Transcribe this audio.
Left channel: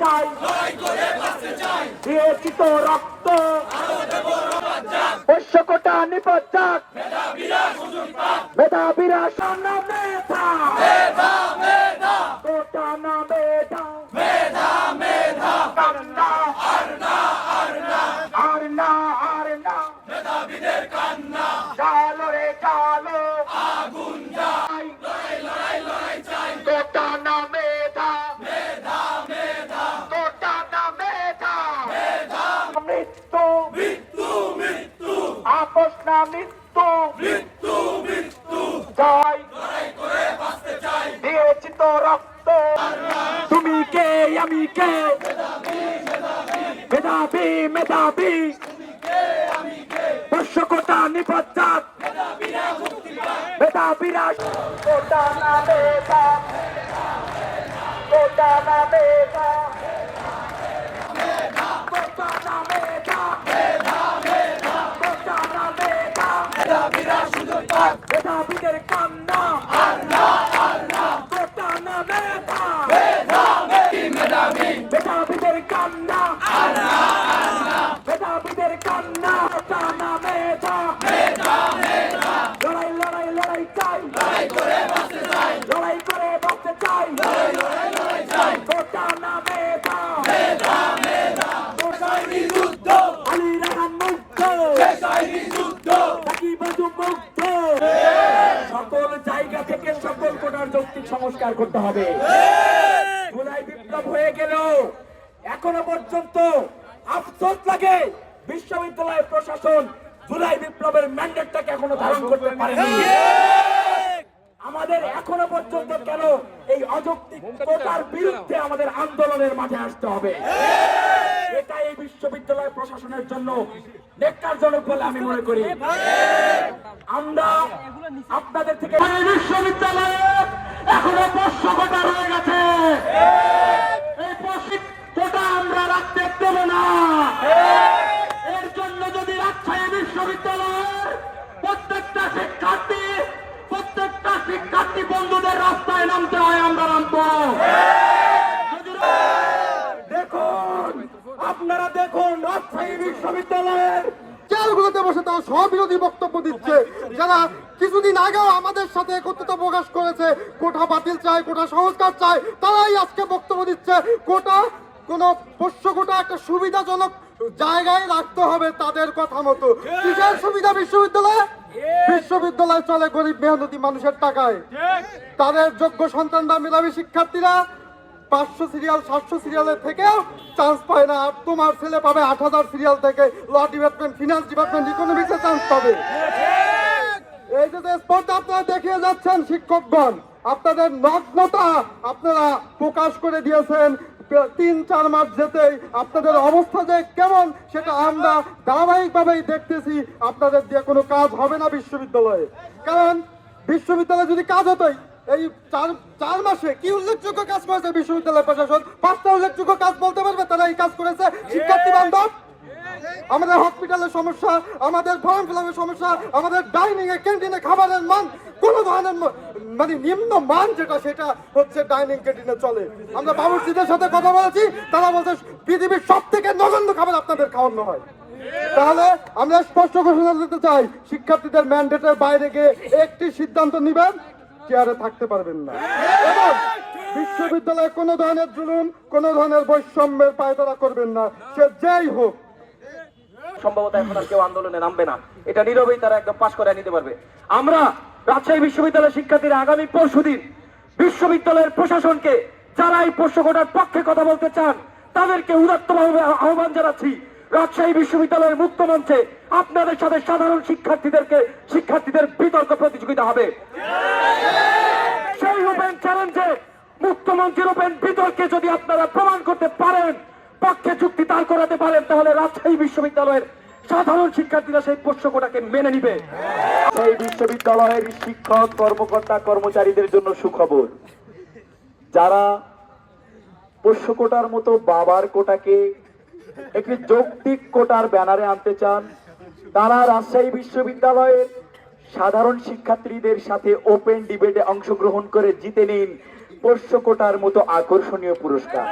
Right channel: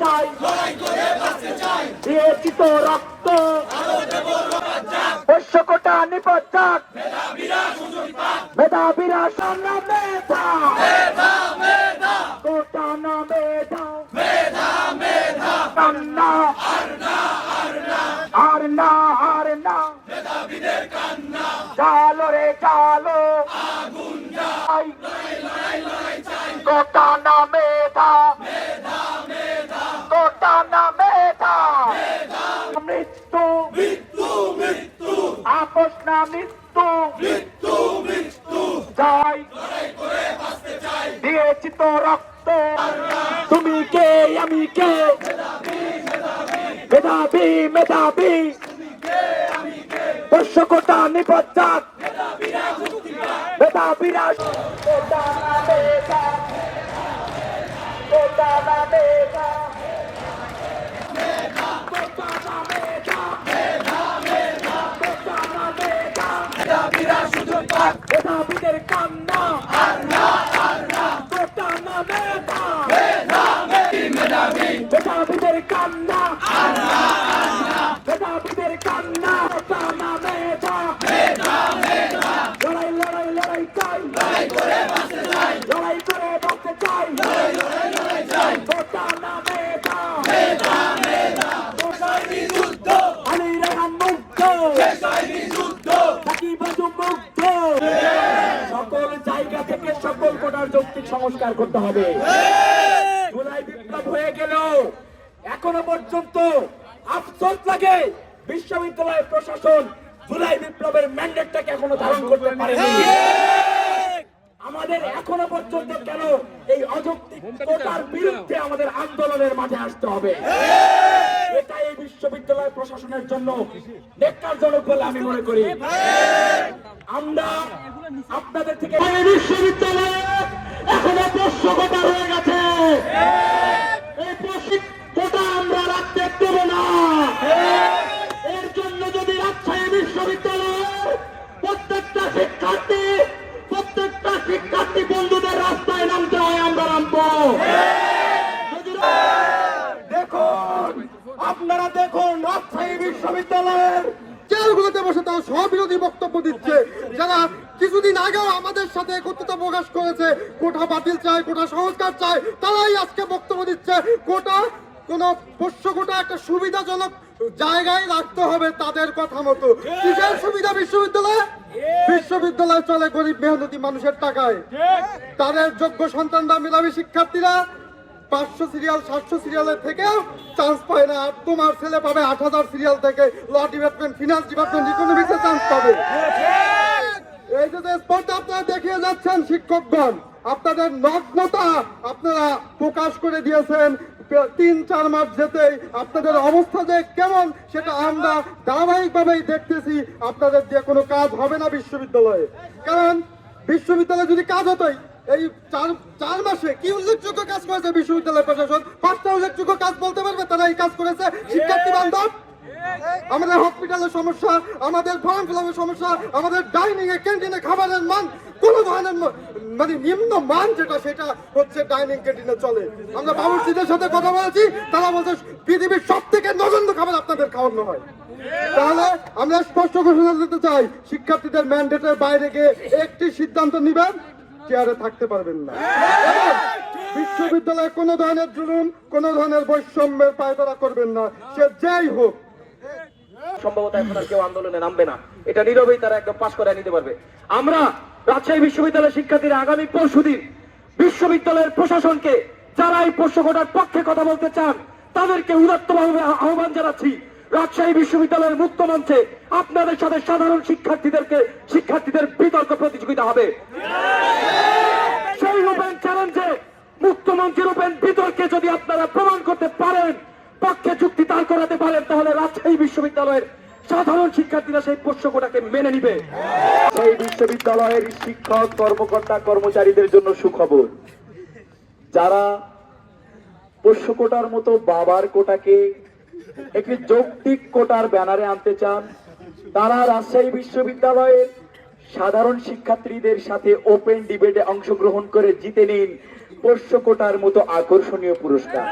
লড়াই চাই। দিয়েছি তো রক্ত। শস্য কোটা নিপদ যাক মেধাবীরা সামনা মেধা। মেধা মেধা। কোটা না মেধা। মেধা মেধা। কান্না আর না আর না। আর না আর না। মেধাবীদের কান্না। চালো রে চালো মৃত্যু যাই দিয়েছি তো রক্ত। তুমি কে, আমি কে? মেধাবী মেধাবী। বর্ষ কোটা যাক মেধাবীরা কোটা না কোটা না মেধা কোটা না মেধা কোটা না মেধা মেধাবীদের কান্না। কোটা না মেধা। মেধাবীদের কান্না। মেধাবীদের কান্না কোটা না মেধা। লড়াই লড়াই লড়াই চাই। লড়াই করে বাঁচতে চাই। কোটা সংস্কার করতে হবে। জুলাই বিপ্লব হয়ে গেল এখনও পর্যন্ত আফসোস লাগে বিশ্ববিদ্যালয়ের প্রশাসন জুলাই বিপ্লবের ম্যান্ডেটটাকে এখনও ধারণ করতে পারেনি। আমাদের এখনও পর্যন্ত কেন এই অযৌক্তিক কোটার বিরুদ্ধে আমাদের আন্দোলনের মাঝে আসতে হবে? এটা এই বিশ্ববিদ্যালয় প্রশাসনের জন্য নেককারজনক বলে আমি মনে করি। আমরা আপনাদের থেকে বিশ্ববিদ্যালয়ে এখনও পোষ্য কোটা হয়ে গেছে। এই পোষ্য কোটা আমরা রাখতে দেব না। এর জন্য যদি রাজশাহী বিশ্ববিদ্যালয়ের প্রত্যেকটা শিক্ষার্থী প্রত্যেকটা শিক্ষার্থী বন্ধুদের রাস্তায় নামতে হয়, আমরা নামবো। দেখুন, আপনারা দেখুন, রাজশাহী বিশ্ববিদ্যালয়ের জেলগুলোতে বসে তারা সবিরোধী বক্তব্য দিচ্ছে। যারা কিছুদিন আগেও আমাদের সাথে একত্রতা প্রকাশ করেছে কোটা বাতিল চায় কোটা সংস্কার চায় তারাই আজকে বক্তব্য দিচ্ছে। কোটা কোন পোষ্য কোটা একটা সুবিধাজনক জায়গায় রাখতে হবে তাদের কথা মতো। কিসের সুবিধা বিশ্ববিদ্যালয়ে? বিশ্ববিদ্যালয় চলে গরিব মেহনতি মানুষের টাকায়। তাদের যোগ্য সন্তানরা মেধাবী শিক্ষার্থীরা পাঁচশো সিরিয়াল সাতশো সিরিয়ালের থেকেও চান্স পায় না। আর তোমার ছেলে পাবে আট হাজার সিরিয়াল থেকে। ল ডিপার্টমেন্ট ফিনান্স ডিপার্টমেন্ট ইকোনমিক্সে চান্স পাবে। এই যে স্পর্ধা আপনারা দেখিয়ে যাচ্ছেন শিক্ষকগণ, আপনাদের নগ্নতা আপনারা প্রকাশ করে দিয়েছেন। তিন, চার মাস যেতেই আপনাদের অবস্থা যে কেমন, সেটা আমরা ধারাবাহিকভাবেই দেখতেছি। আপনাদের দিয়ে কোনো কাজ হবে না বিশ্ববিদ্যালয়ে। কারণ বিশ্ববিদ্যালয়ে যদি কাজ হতোই এই চার চার মাসে কি উল্লেখযোগ্য কাজ করেছে বিশ্ববিদ্যালয় প্রশাসন? পাঁচটা উল্লেখযোগ্য কাজ বলতে পারবে? তারা এই কাজ করেছে। শিক্ষার্থী বান্ধব আমাদের হসপিটালের সমস্যা আমাদের ফর্ম ফিলাপের সমস্যা আমাদের ডাইনিং এ ক্যান্টিনে খাবারের মান কোনো ধরনের মানে নিম্ন মান যেটা সেটা হচ্ছে ডাইনিং ক্যান্টিনে চলে। আমরা বাবুর্চিদের সাথে কথা বলেছি তারা বলছে পৃথিবীর সব থেকে নগণ্য খাবার আপনাদের খাওয়ানো হয়। তাহলে আমরা স্পষ্ট ঘোষণা দিতে চাই শিক্ষার্থীদের ম্যান্ডেটের বাইরে গিয়ে একটি সিদ্ধান্ত নিবেন। চেয়ারে থাকতে পারবেন না। বিশ্ববিদ্যালয়ে কোনো ধরনের জুলুম, কোনো ধরনের বৈষম্যের পায়তারা করবেন না। সে যেই হোক। সম্ভবত এখন আর কেউ আন্দোলনে নামবে না। এটা নীরবেই তারা একদম পাশ করে নিতে পারবে। আমরা রাজশাহী বিশ্ববিদ্যালয়ের শিক্ষার্থীরা আগামী পরশুদিন বিশ্ববিদ্যালয়ের প্রশাসনকে যারা এই পোষ্য কোটার পক্ষে কথা বলতে চান, তাদেরকে উদাত্তভাবে আহ্বান জানাচ্ছি। রাজশাহী বিশ্ববিদ্যালয়ের মুক্ত মঞ্চে আপনাদের সাথে সাধারণ শিক্ষার্থীদেরকে শিক্ষার্থীদের বিতর্ক প্রতিযোগিতা হবে। করাতে পারেন, তাহলে রাজশাহী বিশ্ববিদ্যালয়ের সাধারণ শিক্ষার্থীরা সেই পোষ্যকোটাকে মেনে নিবে। সেই বিশ্ববিদ্যালয়ের শিক্ষক, কর্মকর্তা, কর্মচারীদের জন্য সুখবর। যারা পোষ্য কোটার মতো বাবার কোটাকে একটি যৌক্তিক কোটার ব্যানারে আনতে চান, তারা রাজশাহী বিশ্ববিদ্যালয়ের সাধারণ শিক্ষার্থীদের সাথে ওপেন ডিবেটে অংশগ্রহণ করে জিতে নিন পোষ্য কোটার মতো আকর্ষণীয় পুরস্কার।